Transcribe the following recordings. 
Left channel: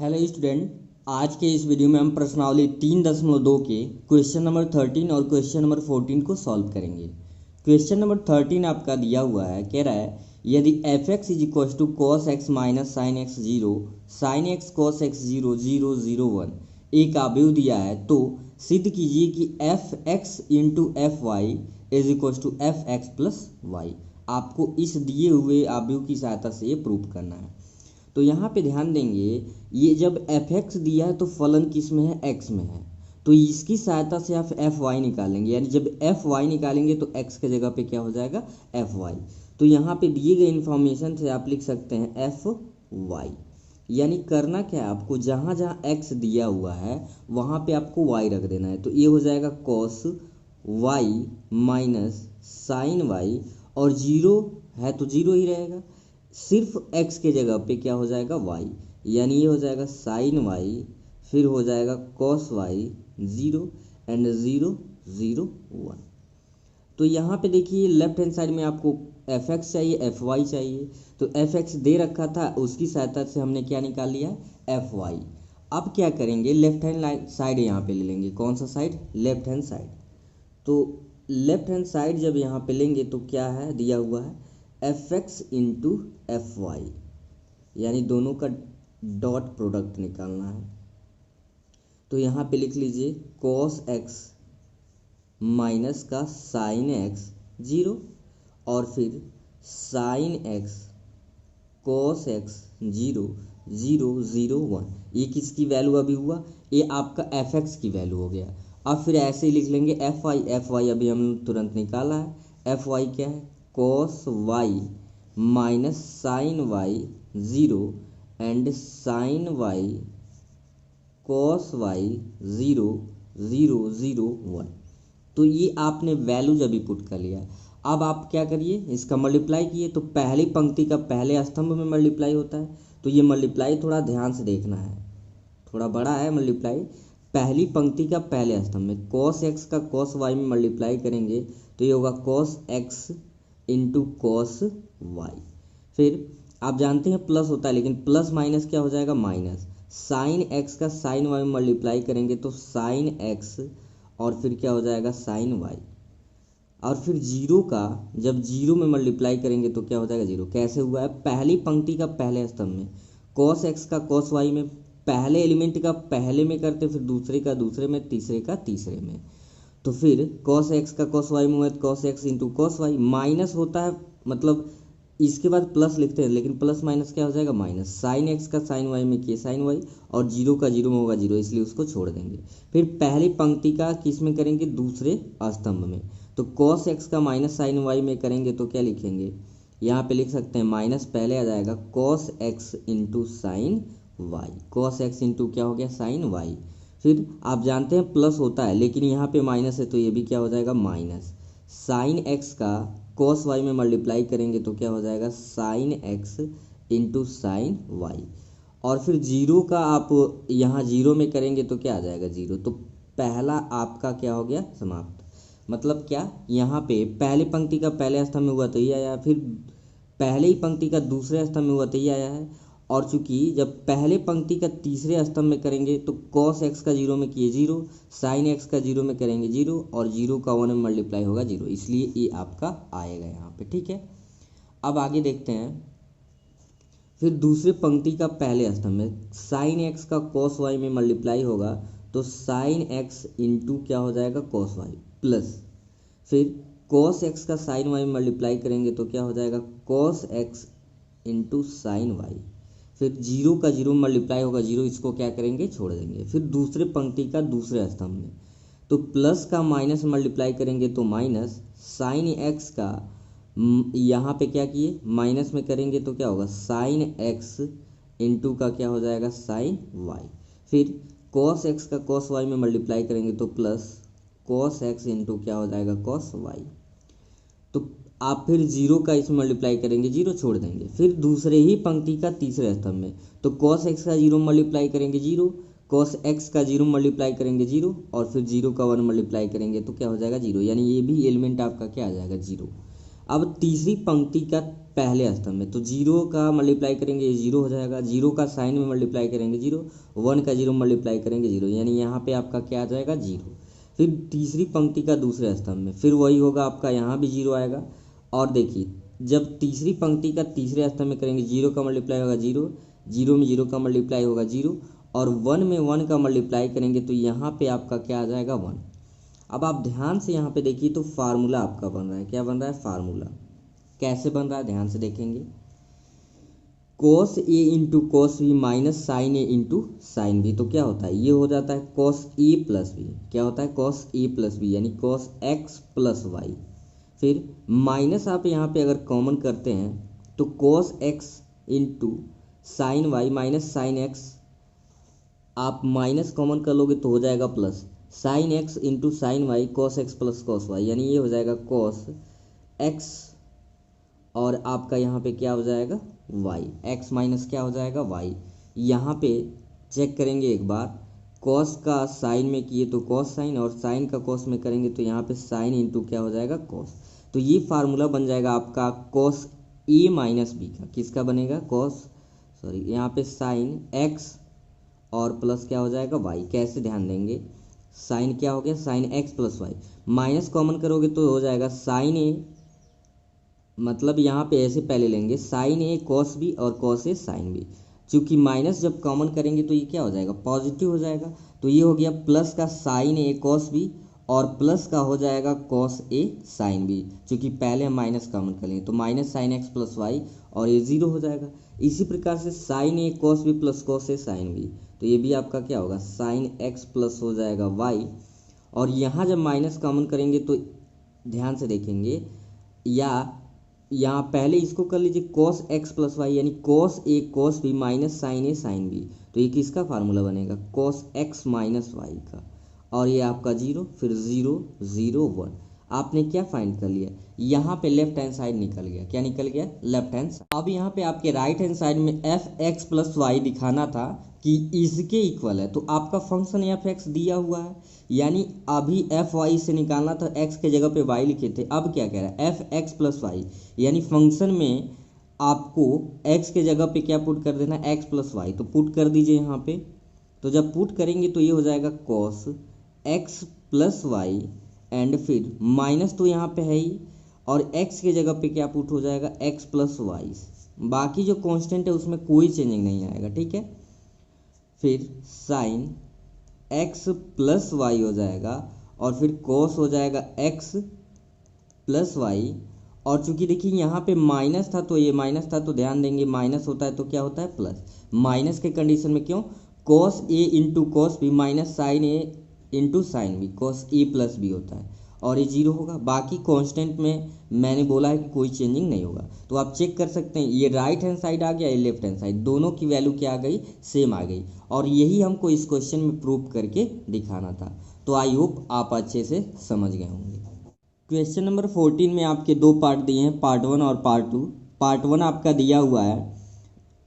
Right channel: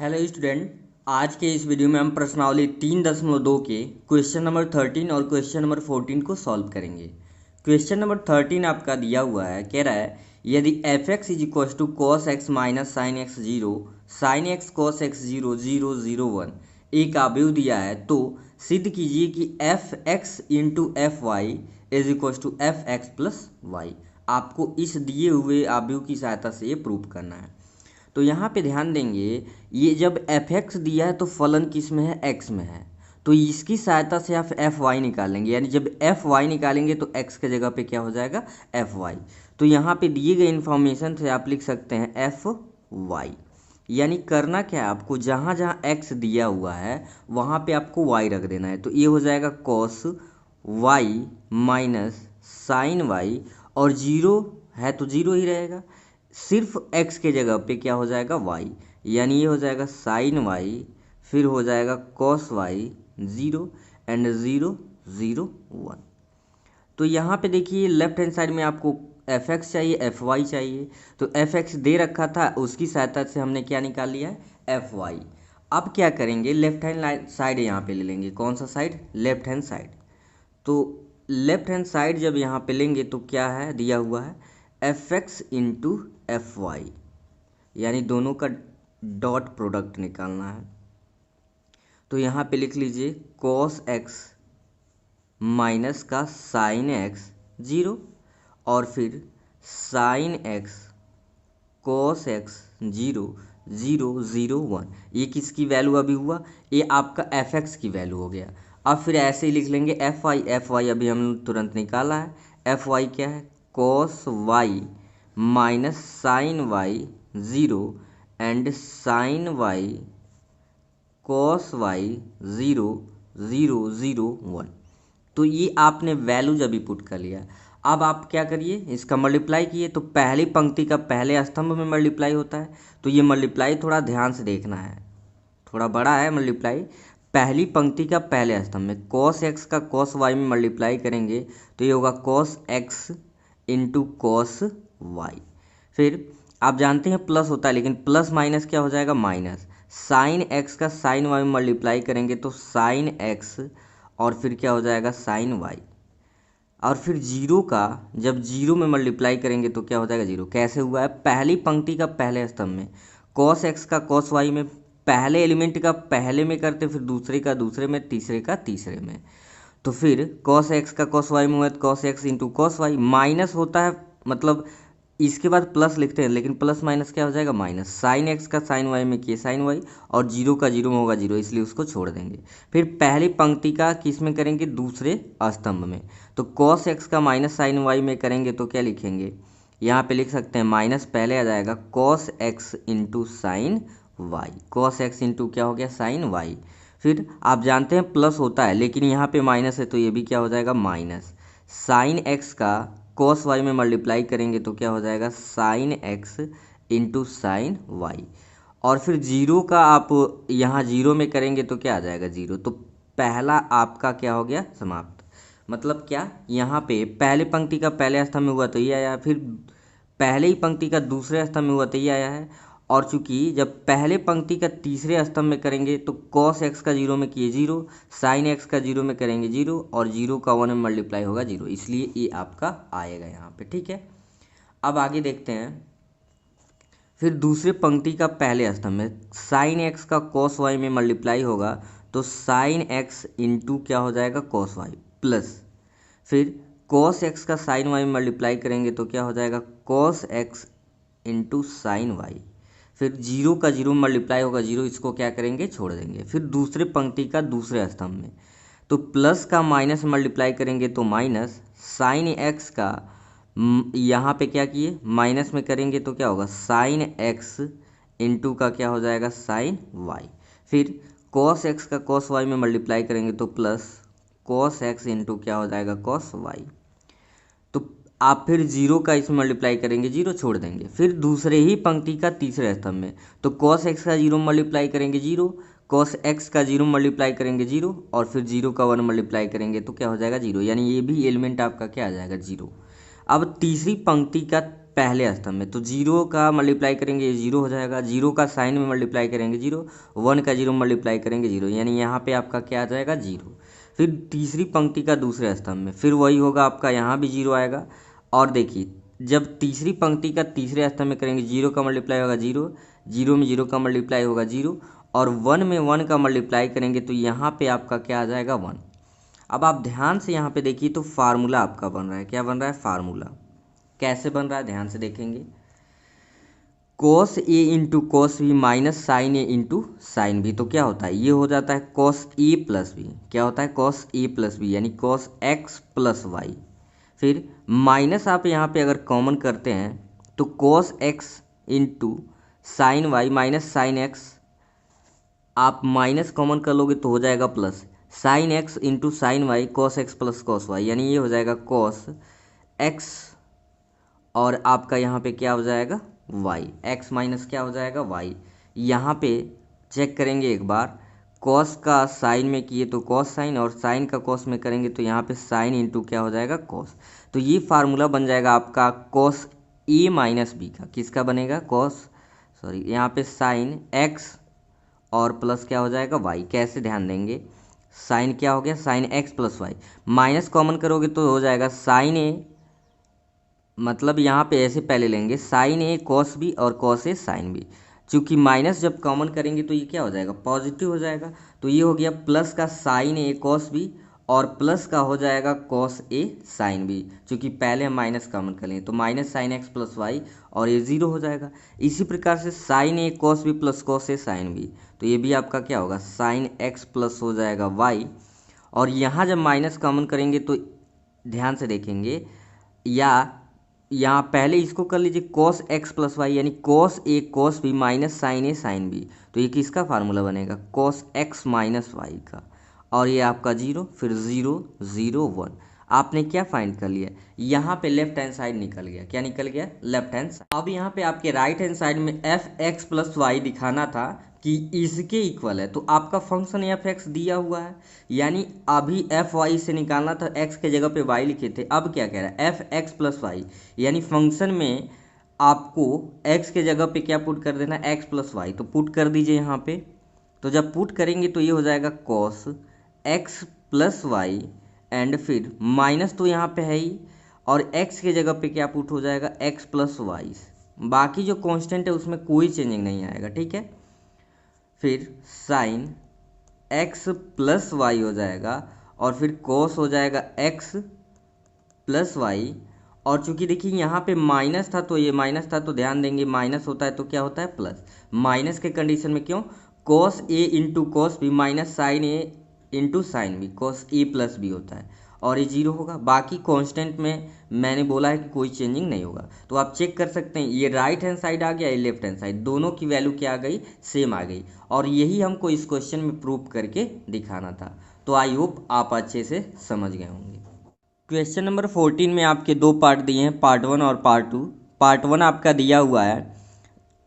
Hello student. आज के इस वीडियो में हम प्रश्नावली 3.2 के क्वेश्चन नंबर 13 और क्वेश्चन नंबर 14 को सॉल्व करेंगे। क्वेश्चन नंबर 13 आपका दिया हुआ है, कह रहा है यदि F X is equal to cos X minus sine X zero sine X cos X zero zero zero one एक अवयव दिया है तो सिद्ध कीजिए कि F X into F Y is equal to F X plus Y. आपको इस दिए हुए अवयव की सहायता से ये प्रूव करना है। तो यहाँ पे ध्यान देंगे, ये जब एफ एक्स दिया है तो फलन किस में है, एक्स में है, तो इसकी सहायता से आप एफ वाई निकालेंगे। यानी जब एफ वाई निकालेंगे तो एक्स के जगह पे क्या हो जाएगा, एफ वाई। तो यहाँ पे दिए गए इन्फॉर्मेशन से आप लिख सकते हैं एफ वाई। यानी करना क्या है, आपको जहाँ जहाँ एक्स दिया हुआ है वहाँ पे आपको वाई रख देना है। तो ये हो जाएगा cos Y minus sine Y, और जीरो है तो जीरो ही रहेगा, सिर्फ x के जगह पे क्या हो जाएगा, y। यानी ये हो जाएगा साइन y, फिर हो जाएगा cos y zero and zero zero one. तो यहाँ पे देखिए लेफ्ट हैंड साइड में आपको एफ एक्स चाहिए, एफ वाई चाहिए। तो एफ एक्स दे रखा था, उसकी सहायता से हमने क्या निकाल लिया है, एफ वाई। अब क्या करेंगे, लेफ्ट हैंड साइड यहाँ पे ले लेंगे। कौन सा साइड, लेफ्ट हैंड साइड। तो लेफ्ट हैंड साइड जब यहाँ पे लेंगे तो क्या है दिया हुआ है, F X into F Y, यानी दोनों का डॉट प्रोडक्ट निकालना है। तो यहाँ पे लिख लीजिए कॉस एक्स माइनस का साइन एक्स जीरो, और फिर sign X cos X zero zero zero one. ये किसकी वैल्यू अभी हुआ, ये आपका एफ एक्स की वैल्यू हो गया। अब फिर ऐसे ही लिख लेंगे एफ वाई। एफ वाई अभी हम तुरंत निकाला है। एफ वाई क्या है, cos Y minus sine Y zero and sine Y cos Y zero zero zero one. तो ये आपने वैल्यू जब भी पुट कर लिया, अब आप क्या करिए, इसका मल्टीप्लाई किए तो पहली पंक्ति का पहले स्तंभ में मल्टीप्लाई होता है। तो ये मल्टीप्लाई थोड़ा ध्यान से देखना है, थोड़ा बड़ा है मल्टीप्लाई। पहली पंक्ति का पहले स्तंभ में कॉस एक्स का कॉस वाई में मल्टीप्लाई करेंगे तो ये होगा cos x into cos Y. फिर आप जानते हैं प्लस होता है, लेकिन प्लस माइनस क्या हो जाएगा, माइनस। साइन एक्स का साइन वाई में मल्टीप्लाई करेंगे तो साइन एक्स, और फिर क्या हो जाएगा साइन वाई। और फिर जीरो का जब जीरो में मल्टीप्लाई करेंगे तो क्या हो जाएगा, जीरो। कैसे हुआ है, पहली पंक्ति का पहले स्तंभ में कॉस एक्स का कॉस वाई में पहले एलिमेंट का पहले में करते, फिर दूसरे का दूसरे में, तीसरे का तीसरे में। तो फिर कॉस एक्स का कॉस वाई में हुआ तो cos x into cos Y, minus होता है मतलब इसके बाद प्लस लिखते हैं, लेकिन प्लस माइनस क्या हो जाएगा, माइनस। साइन एक्स का साइन वाई में किए साइन वाई, और जीरो का जीरो में होगा जीरो, इसलिए उसको छोड़ देंगे। फिर पहली पंक्ति का किस में करेंगे, दूसरे स्तंभ में। तो कॉस एक्स का माइनस साइन वाई में करेंगे तो क्या लिखेंगे, यहाँ पे लिख सकते हैं माइनस पहले आ जाएगा cos x into sine Y. Cos x into क्या हो गया, साइन वाई। फिर आप जानते हैं प्लस होता है, लेकिन यहाँ पे माइनस है तो ये भी क्या हो जाएगा, माइनस। साइन एक्स का कॉस वाई में मल्टीप्लाई करेंगे तो क्या हो जाएगा, sine x into sine Y. और फिर जीरो का आप यहाँ जीरो में करेंगे तो क्या आ जाएगा, जीरो। तो पहला आपका क्या हो गया, समाप्त। मतलब क्या, यहाँ पे पहले पंक्ति का पहले स्तंभ में हुआ तो ये आया, फिर पहले ही पंक्ति का दूसरे स्तंभ में हुआ तो ये आया है। और चूंकि जब पहले पंक्ति का तीसरे स्तंभ में करेंगे तो कॉस एक्स का जीरो में किए जीरो, साइन एक्स का जीरो में करेंगे जीरो, और जीरो का वन में मल्टीप्लाई होगा जीरो, इसलिए ये आपका आएगा यहाँ पे। ठीक है, अब आगे देखते हैं। फिर दूसरे पंक्ति का पहले स्तंभ में साइन एक्स का कॉस वाई में मल्टीप्लाई होगा तो साइन एक्स इंटू क्या हो जाएगा, कॉस वाई, प्लस। फिर कॉस एक्स का साइन वाई में मल्टीप्लाई करेंगे तो क्या हो जाएगा, cos x into sine y. फिर जीरो का जीरो में मल्टीप्लाई होगा जीरो, इसको क्या करेंगे, छोड़ देंगे। फिर दूसरे पंक्ति का दूसरे स्तंभ में तो प्लस का माइनस मल्टीप्लाई करेंगे तो माइनस, साइन एक्स का यहाँ पे क्या किए, माइनस में करेंगे तो क्या होगा, साइन एक्स इंटू का क्या हो जाएगा, साइन वाई। फिर कॉस एक्स का कॉस वाई में मल्टीप्लाई करेंगे तो प्लस कॉस एक्स इंटू क्या हो जाएगा, कॉस वाई। तो आप फिर जीरो का इसमें मल्टीप्लाई करेंगे, जीरो छोड़ देंगे। फिर दूसरे ही पंक्ति का तीसरे स्तंभ में तो कॉस एक्स का जीरो मल्टीप्लाई करेंगे जीरो, कॉस एक्स का जीरो मल्टीप्लाई करेंगे जीरो, और फिर जीरो का वन मल्टीप्लाई करेंगे तो क्या हो जाएगा, जीरो। यानी ये भी एलिमेंट आपका क्या आ जाएगा, जीरो। अब तीसरी पंक्ति का पहले स्तंभ में, तो 0 का मल्टीप्लाई करेंगे ये 0 हो जाएगा, 0 का साइन में मल्टीप्लाई करेंगे 0, 1 का 0 मल्टीप्लाई करेंगे 0, यानी यहाँ पे आपका क्या आ जाएगा 0। फिर तीसरी पंक्ति का दूसरे स्तंभ में फिर वही होगा आपका, यहाँ भी 0 आएगा। और देखिए जब तीसरी पंक्ति का तीसरे स्तंभ में करेंगे 0 का मल्टीप्लाई होगा 0, 0 में 0 का मल्टीप्लाई होगा 0, और 1 में 1 का मल्टीप्लाई करेंगे तो यहाँ पे आपका क्या आ जाएगा 1। अब आप ध्यान से यहाँ पे देखिए तो फार्मूला आपका बन रहा है, क्या बन रहा है फार्मूला। कैसे बन रहा है ध्यान से देखेंगे, cos a into cos b minus sign A into sign b, तो क्या होता है ये हो जाता है cos a प्लस बी, क्या होता है cos a प्लस बी यानी cos x प्लस वाई। फिर माइनस आप यहाँ पे अगर कॉमन करते हैं तो cos x into sine y minus sine x, आप माइनस कॉमन कर लोगे तो हो जाएगा plus sine x into sine Y cos x plus cos y, यानी ये हो जाएगा कॉस एक्स और आपका यहाँ पे क्या हो जाएगा वाई, एक्स माइनस क्या हो जाएगा वाई। यहाँ पे चेक करेंगे एक बार, कॉस का साइन में किए तो कॉस साइन और साइन का कॉस में करेंगे तो यहाँ पे साइन इंटू क्या हो जाएगा कॉस। तो ये फार्मूला बन जाएगा आपका कॉस ए माइनस बी का, किसका बनेगा यहाँ पे साइन एक्स और प्लस क्या हो जाएगा वाई। कैसे ध्यान देंगे, साइन क्या हो गया sine x plus y, minus common करोगे तो हो जाएगा साइन ए, मतलब यहाँ पे ऐसे पहले लेंगे साइन ए कॉस बी और कॉस ए साइन बी, चूँकि माइनस जब कॉमन करेंगे तो ये क्या हो जाएगा पॉजिटिव हो जाएगा, तो ये हो गया प्लस का साइन ए कॉस बी और प्लस का हो जाएगा कॉस ए साइन बी, चूँकि पहले हम माइनस कॉमन करेंगे तो minus sine x plus y और ये 0 हो जाएगा। इसी प्रकार से sine a cos b plus cos a sine b, तो ये भी आपका क्या होगा साइन एक्स प्लस हो जाएगा वाई। और यहाँ जब माइनस कॉमन करेंगे तो ध्यान से देखेंगे, या यहाँ पहले इसको कर लीजिए कॉस एक्स प्लस वाई यानी cos A cos B minus sign A sine b, तो ये किसका फार्मूला बनेगा कॉस एक्स माइनस वाई का, और ये आपका 0, फिर 0 0 1। आपने क्या फाइंड कर लिया, यहाँ पे लेफ्ट हैंड साइड निकल गया, क्या निकल गया लेफ्ट हैंड साइड। अब यहाँ पे आपके राइट हैंड साइड में एफ एक्स प्लस वाई दिखाना था कि इसके इक्वल है, तो आपका फंक्शन एफ एक्स दिया हुआ है, यानी अभी एफ वाई से निकालना था, एक्स के जगह पे वाई लिखे थे, अब क्या कह रहा है एफ एक्स प्लस वाई, यानी फंक्शन में आपको एक्स के जगह पे क्या पुट कर देना एक्स प्लस वाई, तो पुट कर दीजिए यहाँ पे। तो जब पुट करेंगे तो ये हो जाएगा cos x plus y and फिर माइनस तो यहाँ पे है ही, और x के जगह पे क्या पुट हो जाएगा x प्लस वाई, बाकी जो कांस्टेंट है उसमें कोई चेंजिंग नहीं आएगा, ठीक है। फिर साइन x प्लस वाई हो जाएगा और फिर कॉस हो जाएगा x प्लस वाई, और चूंकि देखिए यहाँ पे माइनस था तो ये माइनस था, तो ध्यान देंगे माइनस होता है तो क्या होता है प्लस, माइनस के कंडीशन में क्यों cos A into cos B minus sign A into sign B cos A plus B होता है, और ये 0 होगा। बाकी कांस्टेंट में मैंने बोला है कि कोई चेंजिंग नहीं होगा, तो आप चेक कर सकते हैं ये राइट हैंड साइड आ गया, ये लेफ्ट हैंड साइड, दोनों की वैल्यू क्या आ गई सेम आ गई, और यही हमको इस क्वेश्चन में प्रूव करके दिखाना था। तो आई होप आप अच्छे से समझ गए होंगे। क्वेश्चन नंबर 14 में आपके दो पार्ट दिए हैं, पार्ट 1 और पार्ट 2। पार्ट 1 आपका दिया हुआ है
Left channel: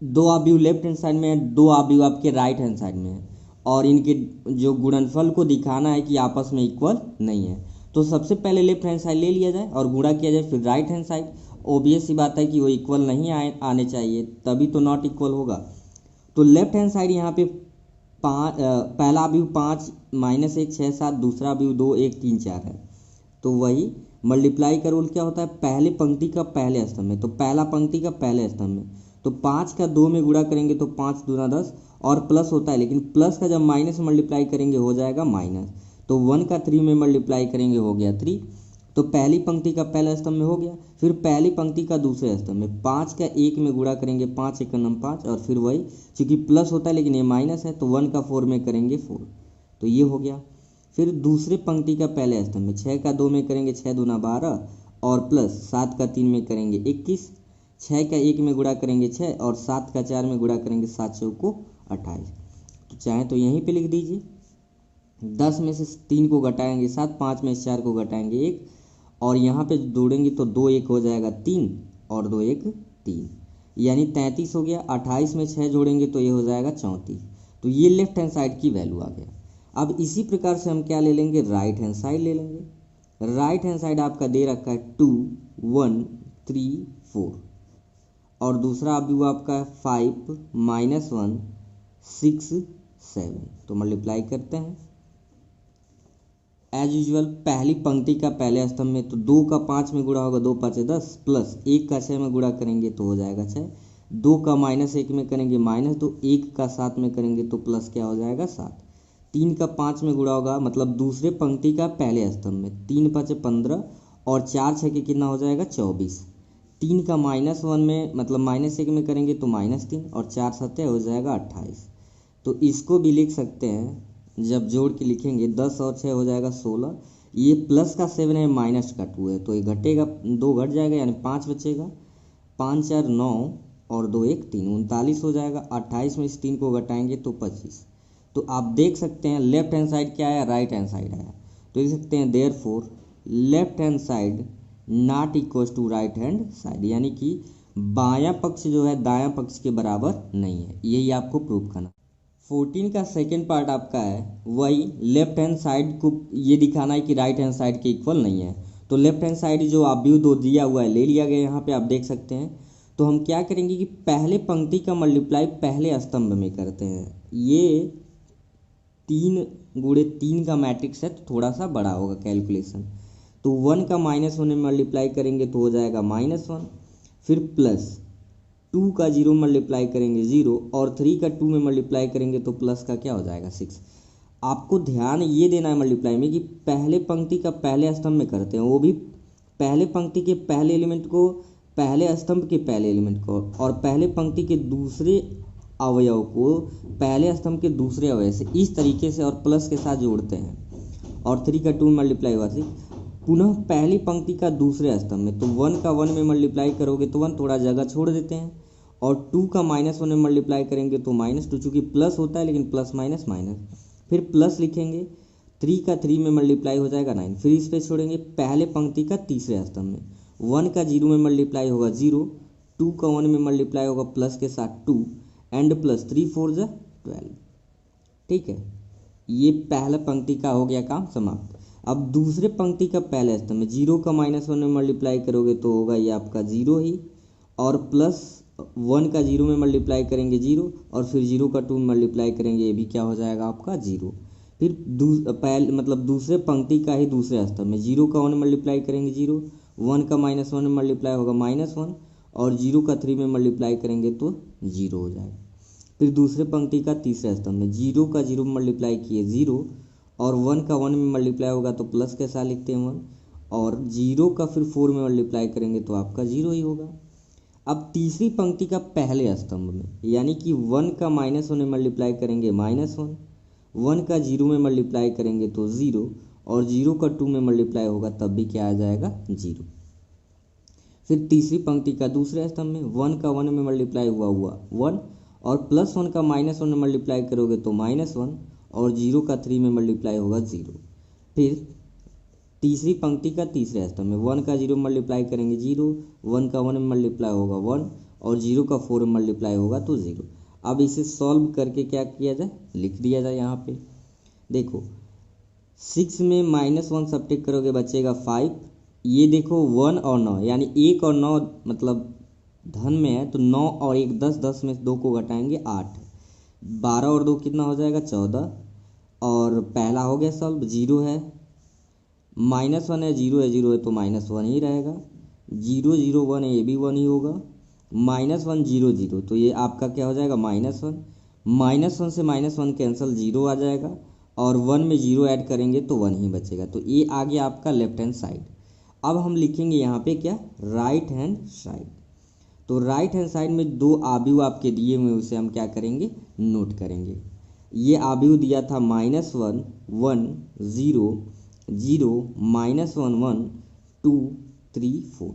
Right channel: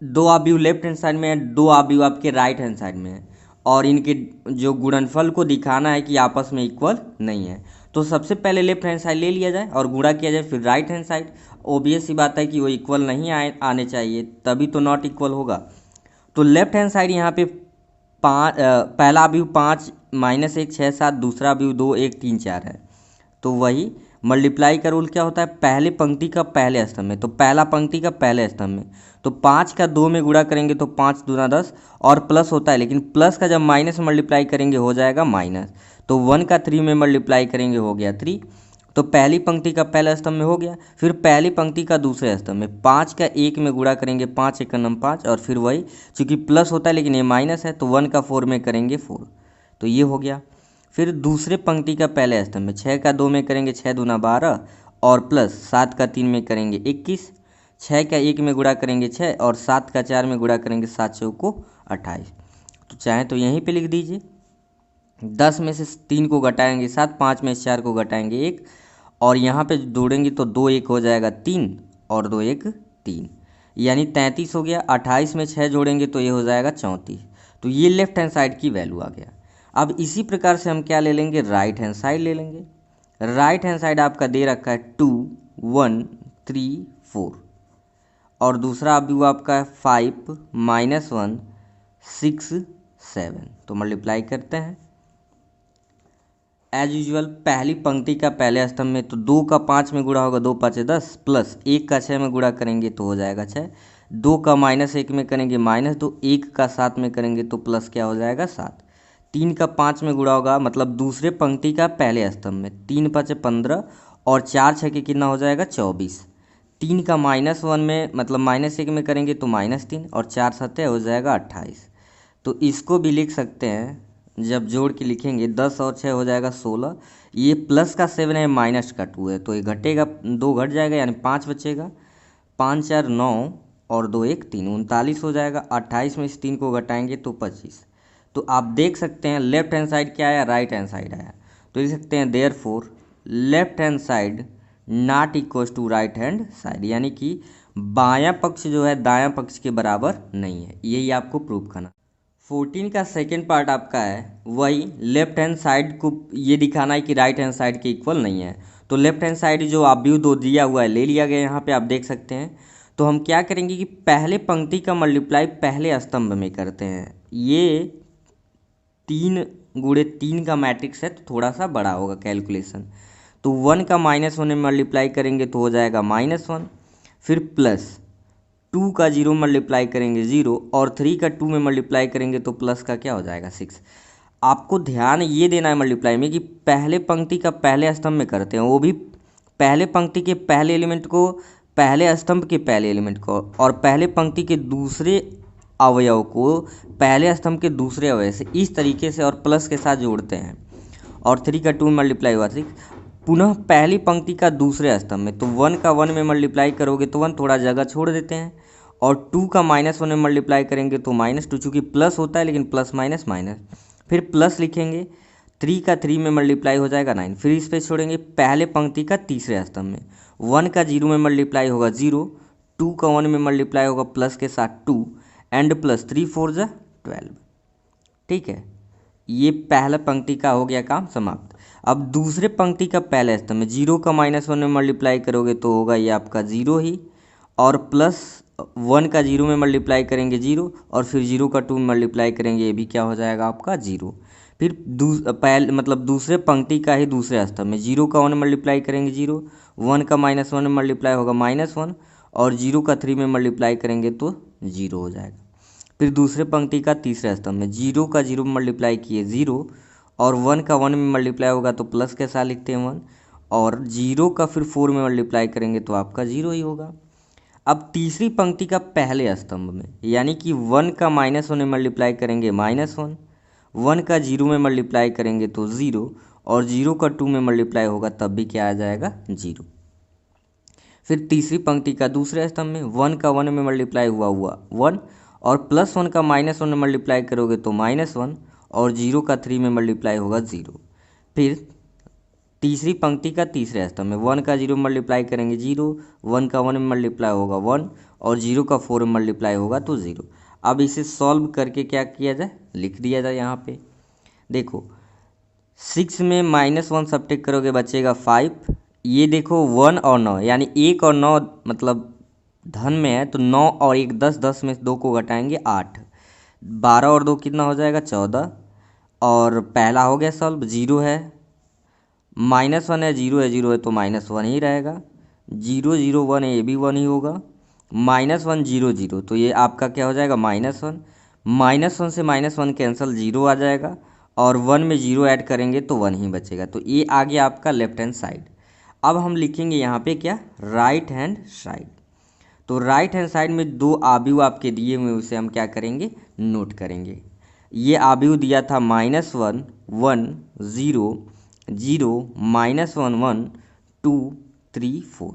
2 आव्यूह लेफ्ट हैंड साइड में है, 2 आव्यूह आपके राइट हैंड साइड में है, और इनके जो गुणनफल को दिखाना है कि आपस में इक्वल नहीं है। तो सबसे पहले लेफ्ट हैंड साइड ले लिया जाए और गुणा किया जाए, फिर राइट हैंड साइड। ओबियस सी बात है कि वो इक्वल नहीं आने चाहिए, तभी तो नॉट इक्वल होगा। तो लेफ्ट हैंड साइड यहाँ पे पहला अव्यूह 5 माइनस 1 6 7, दूसरा अव्यूह 2 1 3 4 है, तो वही मल्टीप्लाई का रूल क्या होता है पहले पंक्ति का पहले स्तंभ में, तो पहला पंक्ति का पहले स्तंभ में, तो 5 का 2 में गुणा करेंगे तो 5 दूना 10 और प्लस होता है, लेकिन प्लस का जब माइनस मल्टीप्लाई करेंगे हो जाएगा माइनस, तो 1 का 3 में मल्टीप्लाई करेंगे हो गया 3, तो पहली पंक्ति का पहला स्तंभ में हो गया। फिर पहली पंक्ति का दूसरे स्तंभ में 5 का 1 में गुणा करेंगे 5 1 9 5, और फिर वही चूँकि प्लस होता है लेकिन ये माइनस है तो 1 का 4 में करेंगे 4, तो ये हो गया। फिर दूसरे पंक्ति का पहले स्तंभ में 6 का 2 में करेंगे 6 दूना 12 और प्लस 7 का 3 में करेंगे 21, 6 का 1 में गुणा करेंगे 6 और 7 का 4 में गुणा करेंगे 7 चौको 28, तो चाहे तो यहीं पे लिख दीजिए। 10 में से 3 को घटाएंगे 7, 5 में से 4 को घटाएंगे 1, और यहाँ पे जोड़ेंगे तो 2 1 हो जाएगा 3 और 2 1 3, यानी 33 हो गया। 28 में 6 जोड़ेंगे तो ये हो जाएगा 34, तो ये लेफ्ट हैंड साइड की वैल्यू आ गया। अब इसी प्रकार से हम क्या ले लेंगे राइट हैंड साइड ले लेंगे। राइट हैंड साइड आपका दे रखा है 2 1 3 4 और दूसरा अवयव आपका है 5 -1 6 7। तो मल्टीप्लाई करते हैं एज यूजुअल पहली पंक्ति का पहले स्तंभ में तो 2 का 5 में गुणा होगा 2 5 10 प्लस 1 का 6 में गुणा करेंगे तो हो जाएगा 6। 2 का -1 में करेंगे -2, 1 का 7 में करेंगे तो प्लस क्या हो जाएगा 7। 3 का 5 में गुणा होगा मतलब दूसरे पंक्ति का पहले स्तंभ में 3 5 15 और 4 6 के कितना हो जाएगा 24। 3 का -1 में मतलब -1 में करेंगे तो -3 और 4 7 हो जाएगा 28। तो इसको भी लिख सकते हैं जब जोड़ के लिखेंगे 10 और 6 हो जाएगा 16। ये प्लस का 7 है माइनस का 2 है तो ये घटेगा 2 घट जाएगा यानी 5 बचेगा। 5 4 9 और 2 1 3 39 हो जाएगा। 28 में इस 3 को घटाएंगे तो 25। तो आप देख सकते हैं लेफ्ट हैंड साइड क्या आया, राइट हैंड साइड आया। तो लिख सकते हैं therefore left hand side not equal to right hand side, यानी कि बायां पक्ष जो है दायां पक्ष के बराबर नहीं है। यही आपको प्रूव करना। 14 का सेकेंड पार्ट आपका है वही लेफ्ट हैंड साइड को ये दिखाना है कि राइट हैंड साइड के इक्वल नहीं है। तो लेफ्ट हैंड साइड जो अवयव दो दिया हुआ है ले लिया गया, यहाँ पे आप देख सकते हैं। तो हम क्या करेंगे कि पहले पंक्ति का मल्टीप्लाई पहले स्तंभ में करते हैं। ये 3 गुणे 3 का मैट्रिक्स है तो थोड़ा सा बड़ा होगा कैलकुलेशन। तो 1 का -1 में मल्टीप्लाई करेंगे तो हो जाएगा -1, फिर प्लस 2 का 0 मल्टीप्लाई करेंगे 0 और 3 का 2 में मल्टीप्लाई करेंगे तो प्लस का क्या हो जाएगा 6। आपको ध्यान ये देना है मल्टीप्लाई में कि पहले पंक्ति का पहले स्तंभ में करते हैं, वो भी पहले पंक्ति के पहले एलिमेंट को पहले स्तंभ के पहले एलिमेंट को और पहले पंक्ति के दूसरे अवयव को पहले स्तंभ के दूसरे अवयव से इस तरीके से और प्लस के साथ जोड़ते हैं। और 3 का 2 में मल्टीप्लाई हुआ 6, पुनः पहली पंक्ति का दूसरे स्तंभ में तो 1 का 1 में मल्टीप्लाई करोगे तो 1 थोड़ा जगह छोड़ देते हैं और 2 का -1 में मल्टीप्लाई करेंगे तो -2, चूँकि प्लस होता है लेकिन प्लस माइनस माइनस, फिर प्लस लिखेंगे। 3 का 3 में मल्टीप्लाई हो जाएगा 9, फिर इस पे छोड़ेंगे पहले पंक्ति का तीसरे स्तंभ में 1 का 0 में मल्टीप्लाई होगा 0, 2 का 1 में मल्टीप्लाई होगा प्लस के साथ 2 एंड प्लस 3 4 जा 12। ठीक है, ये पहला पंक्ति का हो गया काम समाप्त। अब दूसरे पंक्ति का पहले स्तंभ में 0 का -1 में मल्टीप्लाई करोगे तो होगा ये आपका 0 ही, और प्लस 1 का 0 में मल्टीप्लाई करेंगे 0 और फिर 0 का 2 में मल्टीप्लाई करेंगे, ये भी क्या हो जाएगा आपका 0। फिर पहले मतलब दूसरे पंक्ति का ही दूसरे स्तंभ में 0 का 1 में मल्टीप्लाई करेंगे 0, 1 का -1 में मल्टीप्लाई होगा -1 और 0 का 3 में मल्टीप्लाई करेंगे तो 0 हो जाएगा। फिर दूसरे पंक्ति का तीसरे स्तंभ में 0 का 0 में मल्टीप्लाई किए 0 और 1 का 1 में मल्टीप्लाई होगा तो प्लस के साथ लिखते हैं 1 और 0 का फिर 4 में मल्टीप्लाई करेंगे तो आपका 0 ही होगा। अब तीसरी पंक्ति का पहले स्तंभ में यानी कि 1 का -1 में मल्टीप्लाई करेंगे -1, 1 का 0 में मल्टीप्लाई करेंगे तो 0 और 0 का 2 में मल्टीप्लाई होगा तब भी क्या आ जाएगा 0। फिर तीसरी पंक्ति का दूसरे स्तंभ में 1 का 1 में मल्टीप्लाई हुआ 1 और प्लस 1 का -1 में मल्टीप्लाई करोगे तो -1 और 0 का 3 में मल्टीप्लाई होगा 0। फिर तीसरी पंक्ति का तीसरे स्तंभ में 1 का 0 में मल्टीप्लाई करेंगे 0, 1 का 1 में मल्टीप्लाई होगा 1 और 0 का 4 में मल्टीप्लाई होगा तो 0। अब इसे सॉल्व करके क्या किया जाए, लिख दिया जाए। यहाँ पे देखो 6 में -1 सब्ट्रैक्ट करोगे बचेगा 5। ये देखो 1 और 9 यानी 1 और 9 मतलब धन में है तो 9 और 1 10, 10 में 2 को घटाएंगे 8, 12 और 2 कितना हो जाएगा 14। और पहला हो गया सॉल्व। 0 है -1 है 0 है 0 है तो -1 ही रहेगा, 0 0 1 है ये भी 1 ही होगा, -1 0 0 तो ये आपका क्या हो जाएगा -1 से -1 कैंसिल 0 आ जाएगा और 1 में 0 ऐड करेंगे तो 1 ही बचेगा। तो ये आ गया आपका लेफ्ट हैंड साइड। अब हम लिखेंगे यहाँ पे क्या, राइट हैंड साइड। तो राइट हैंड साइड में 2 अवयव आपके दिए हुए उसे हम क्या करेंगे, नोट करेंगे। ये अवयव दिया था -1 1 0 0 -1 1 2 3 4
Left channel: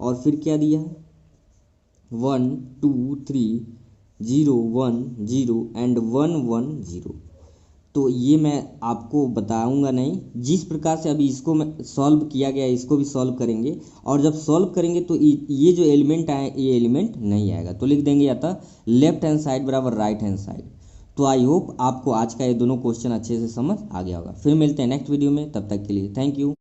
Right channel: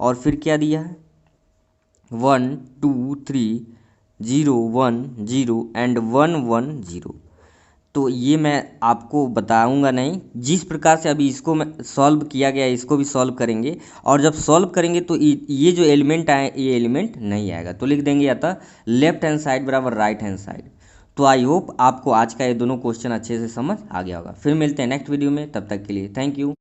और फिर क्या दिया है 1 2 3 0 1 0 एंड 1 1 0। तो ये मैं आपको बताऊंगा नहीं, जिस प्रकार से अभी इसको मैं सॉल्व किया गया इसको भी सॉल्व करेंगे और जब सॉल्व करेंगे तो ये जो एलिमेंट आए ये एलिमेंट नहीं आएगा तो लिख देंगे अतः लेफ्ट हैंड साइड बराबर राइट हैंड साइड। तो आई होप आपको आज का ये दोनों क्वेश्चन अच्छे से समझ आ गया होगा। फिर मिलते हैं नेक्स्ट वीडियो में, तब तक के लिए थैंक यू।